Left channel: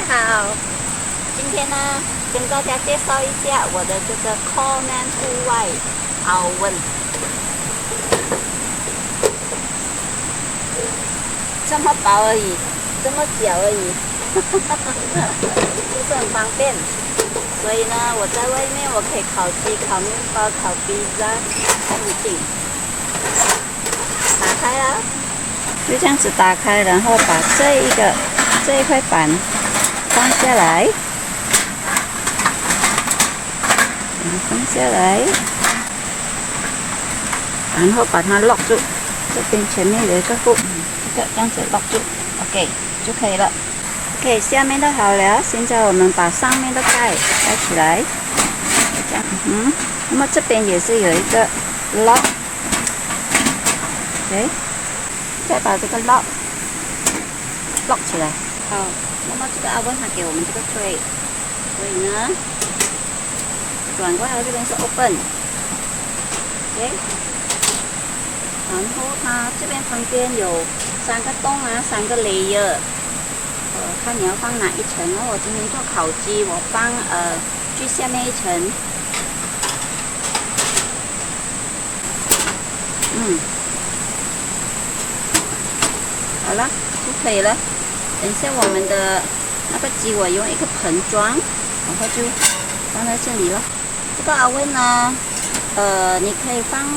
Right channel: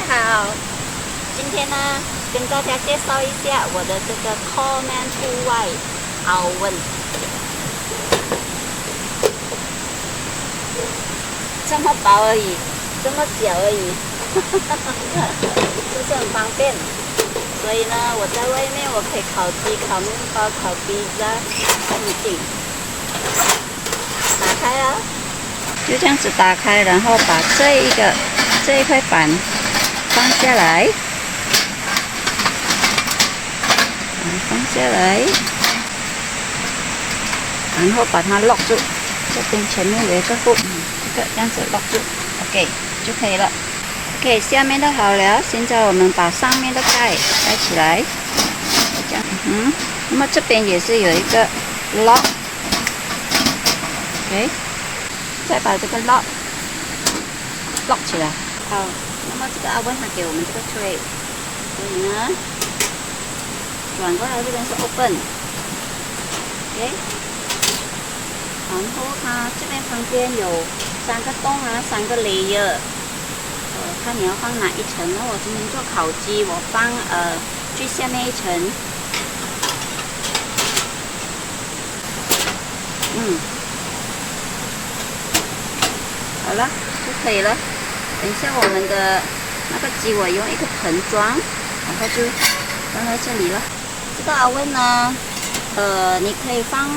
家好，今天呢跟大家介绍一下我的这个 Coleman 户外 oven， 这么薄而已，这么小而已，是不是很方便？所以呢，我在外面我可以烤鸡、烤面包、烤披萨，都不定。打开了，就这样子打开，然后把这一块板放下来，放下来，然后把它 lock 住。这边前面有一个 hook， 这样子 lock 住 ，OK 就可以了。OK， 下面都好了，现在我们把上面的盖起来，这样，那么这边也是有一个 lock，OK， 再把这个 lock 起来。好，那么这个oven它给我们这个 tray， 所以呢，转过来这边是 open，OK， 然后它这边旁边有3个洞啊，3个 layer。看你要放哪一层呢？我今天做烤鸡，我放最下面一层。好了就可以了。等一下我们的那个鸡，我用一个盆装，然后就放在这里了。这个oven呢，你可以放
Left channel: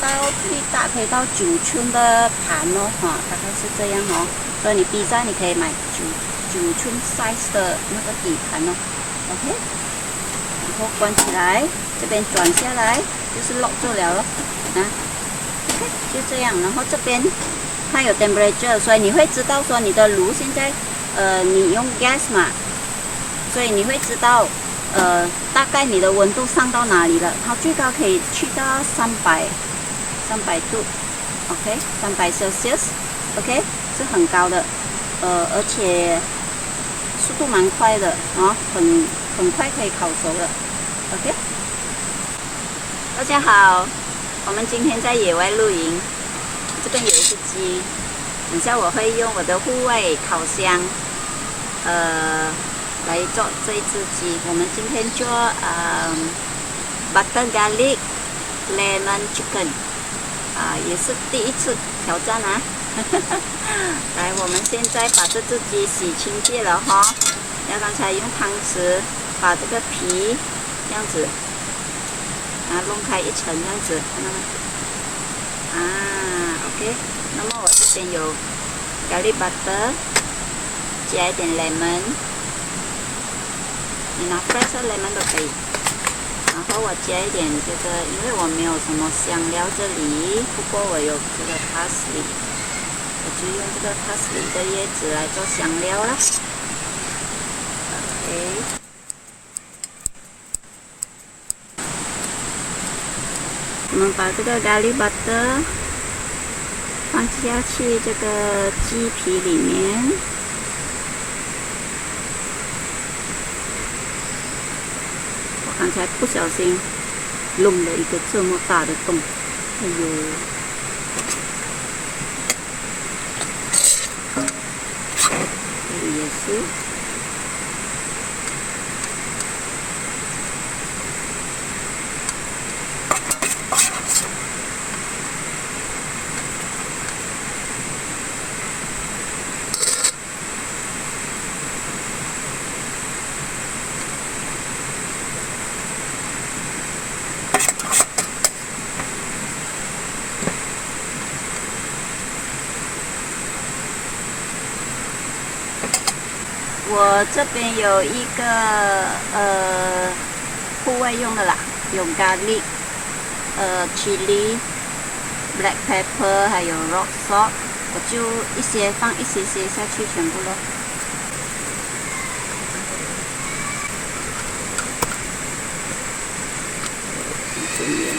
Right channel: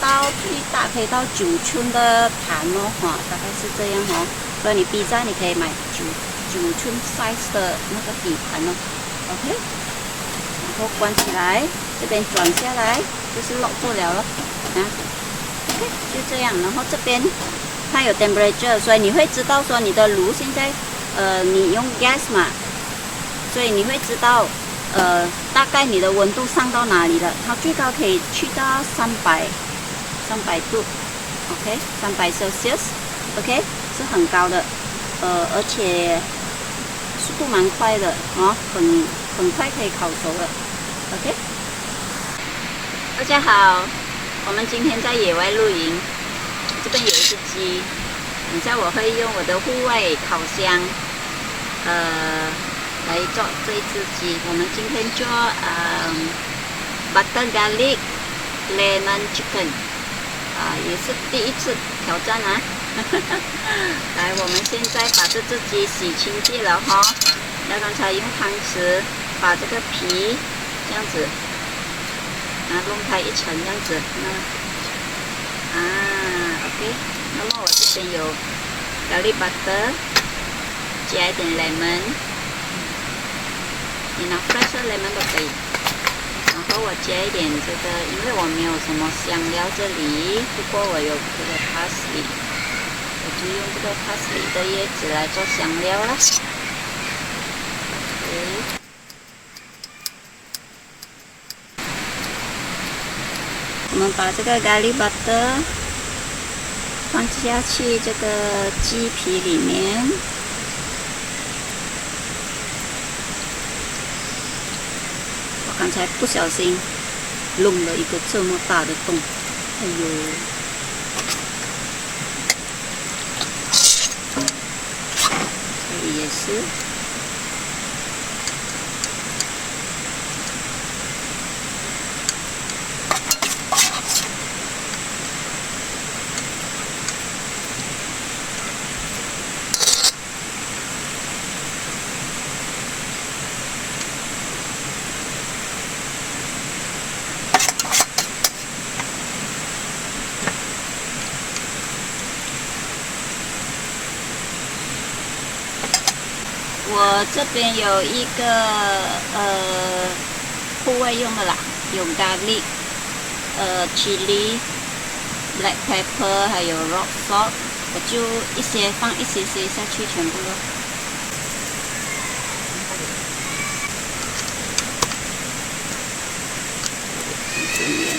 到最大可以到9寸的盘哦，大概是这样哦。所以你披萨你可以买9寸 size 的那个底盘哦 ，OK， 然后关起来，这边转下来就是 lock 住了咯，OK， 就这样。然后这边它有 temperature， 所以你会知道说你的炉现在，你用 gas 嘛，所以你会知道，大概你的温度上到哪里了。它最高可以去到300度 ，OK， 300 Celsius，OK， 是很高的，而且速度蛮快的啊，很快可以烤熟了 ，OK。大家好，我们今天在野外露营，这边有一只鸡，等下我会用我的户外烤箱，来做这一只鸡。我们今天做butter garlic lemon chicken， 也是第一次挑战啊。来，我们现在把这只鸡洗清洁了哈，然后刚才用汤匙把这个皮这样子弄开一层，这样子看到吗？OK， 那么我这边有 garlic butter， 加一点 lemon， 你拿 fresh lemon 都可以。然后我加一点这个，因为我没有什么香料这里，不过我有这个 parsley。我就用这个 parsley 的叶子来做香料啦。OK， 我们把这个 garlic butter 放下去这个鸡皮里面。我刚才不小心弄了一个这么大的洞，哎呦！也是，我这边有一个户外用的啦，有 garlic、chili、black pepper， 还有 rock salt， 我就放一些下去，全部咯。这边。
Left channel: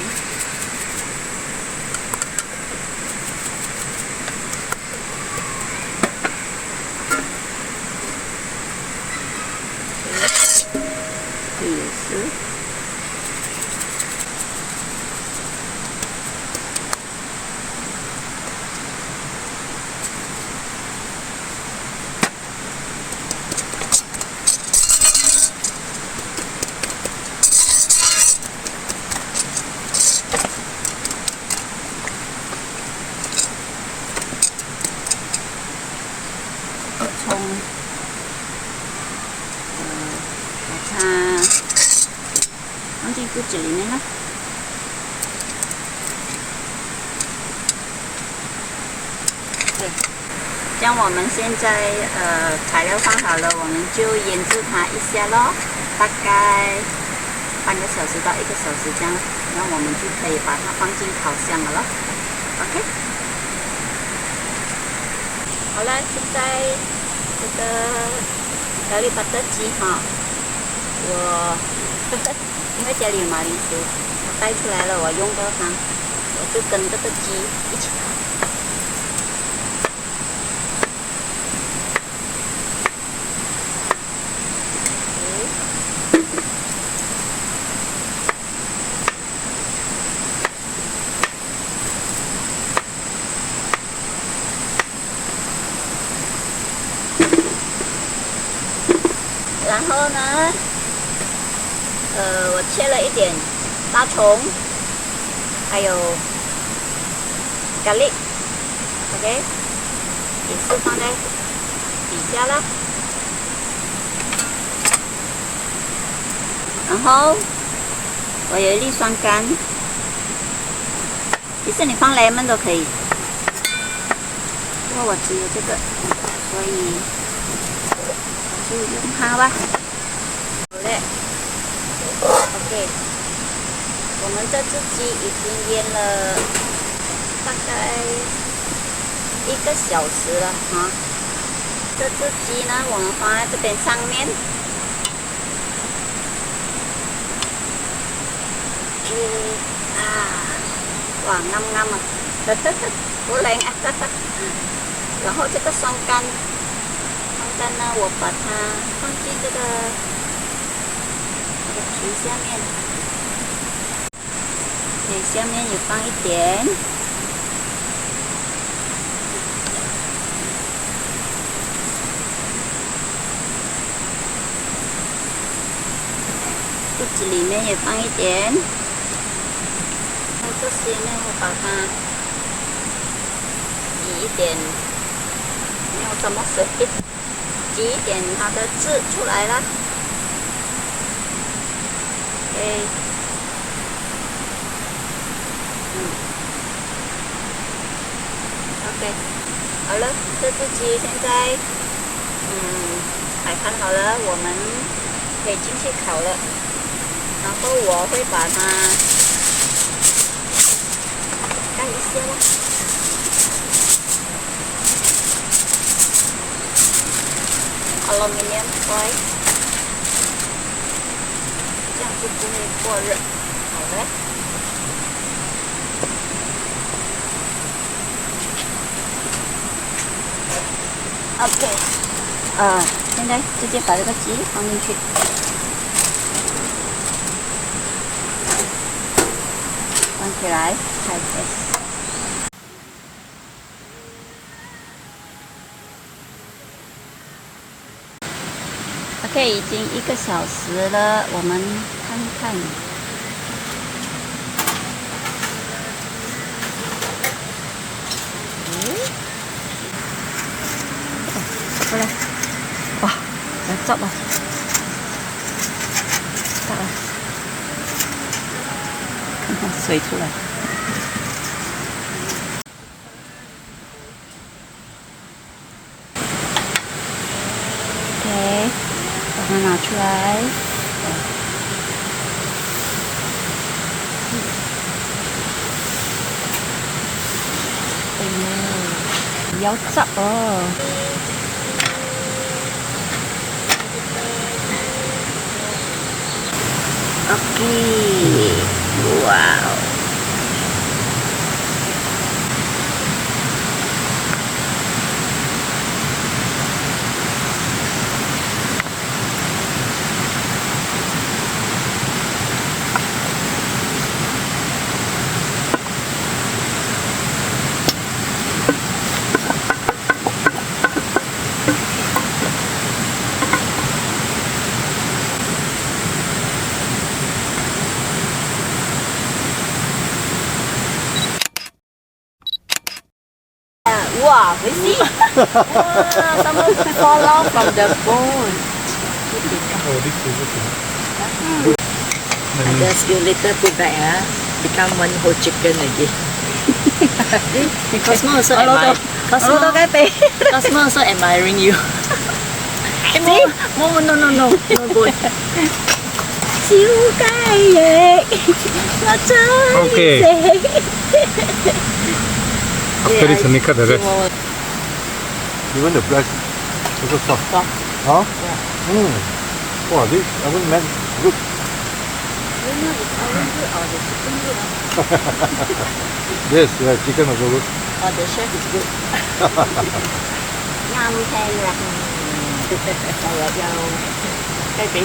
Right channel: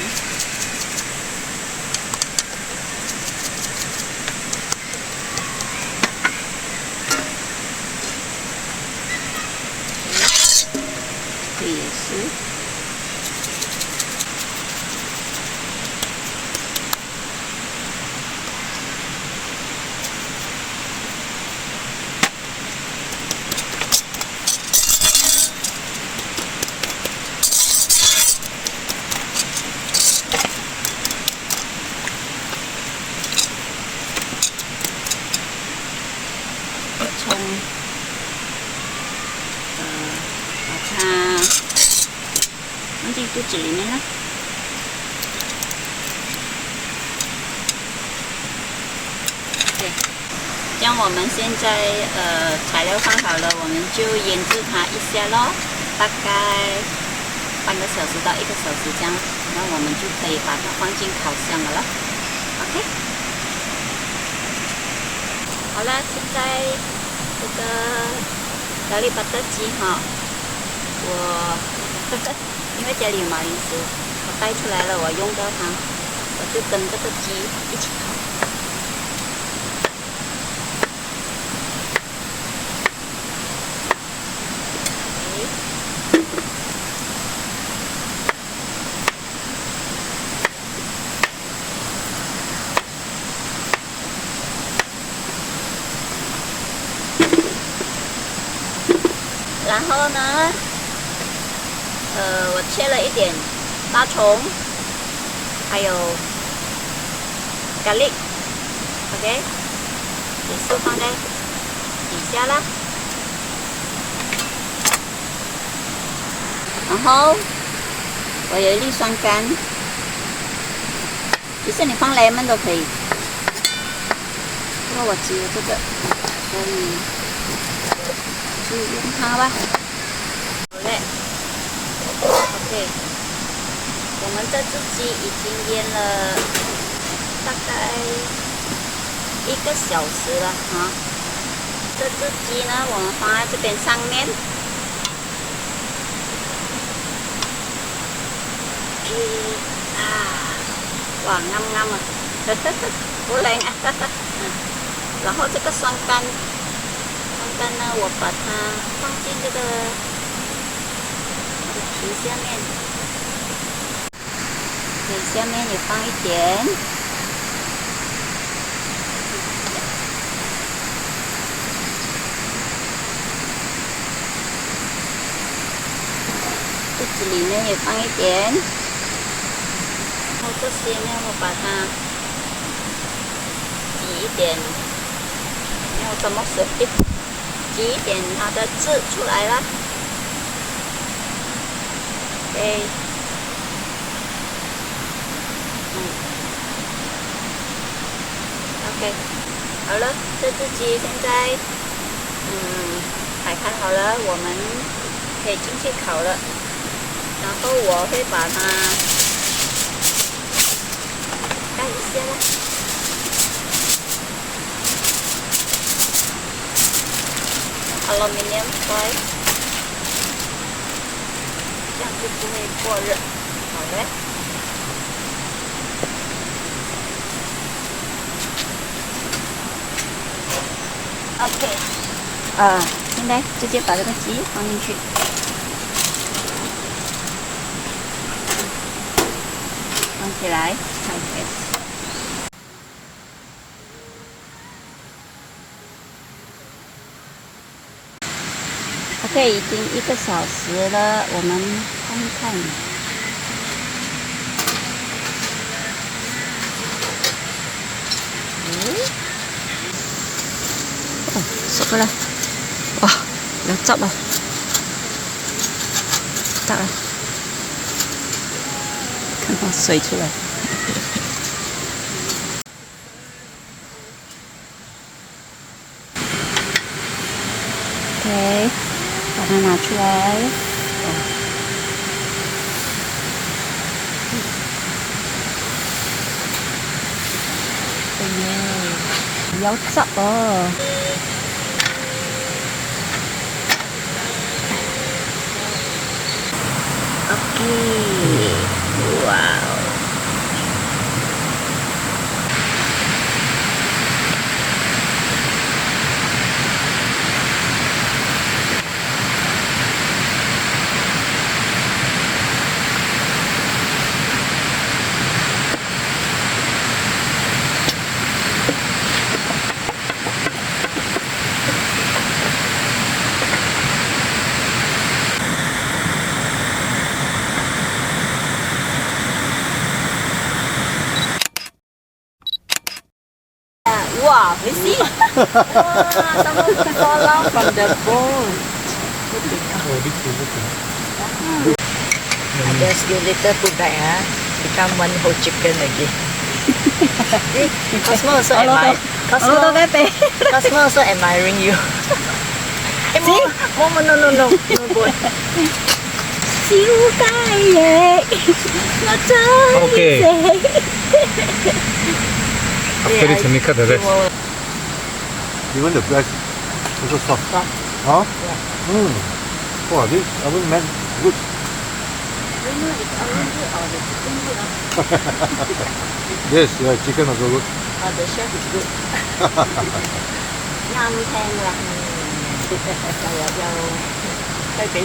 也是，葱，把它放进肚子里面了。对，这样我们现在材料放好了，我们就腌制它一下咯，大概半个小时到1个小时这样，然后我们就可以把它放进烤箱了咯。OK。 好了，现在这个咖喱巴特鸡哈，我因为家里有马铃薯，我带出来了，我用到它，我就跟这个鸡一起烤。然后呢，我切了一点大葱，还有咖喱 ，OK， 也是放在底下啦。然后我有一粒酸柑，其实你放 lemon 都可以，不过我只有这个，所以。 就用它吧。好嘞 ，OK， 我们这只鸡已经腌了大概1个小时了哈。这只鸡呢，我们放在这边上面。哇，啱啱啊，好靚啊！然後這個酸柑。 干呢，我把它放进这个它的皮下面，对，下面也放一点。肚子里面也放一点。然后这些呢，我把它挤一点，没有什么水。 挤一点它的汁出来了 ，OK， OK， 好了，这只鸡现在摆盘好了，我们可以进去烤了。然后我会把它盖一下啦。 aluminium foil， 这样就不会过热。好嘞。OK， 现在直接把这个鸡放进去，放起来，开始。 OK， 已经1个小时了，我们看一看。熟了，哇，有汁啊！得啦，看看水出来。OK。 把它拿出来，有汁哦。OK， 哇哦！ obviously. Some fall out from the bone. Oh, this is okay. Just give little put back, become one whole chicken again. Cosmo also admire. Cosmo also admiring you. See? Oh no good. Siêu cay vậy. Nó chơi. Okay. After it's Mika the rest. Even the breast also soft. Soft. Huh? Wow, this oven man good. Yes, yeah, chicken also good. Oh, the chef is good. Nhâm thêm là Cái vị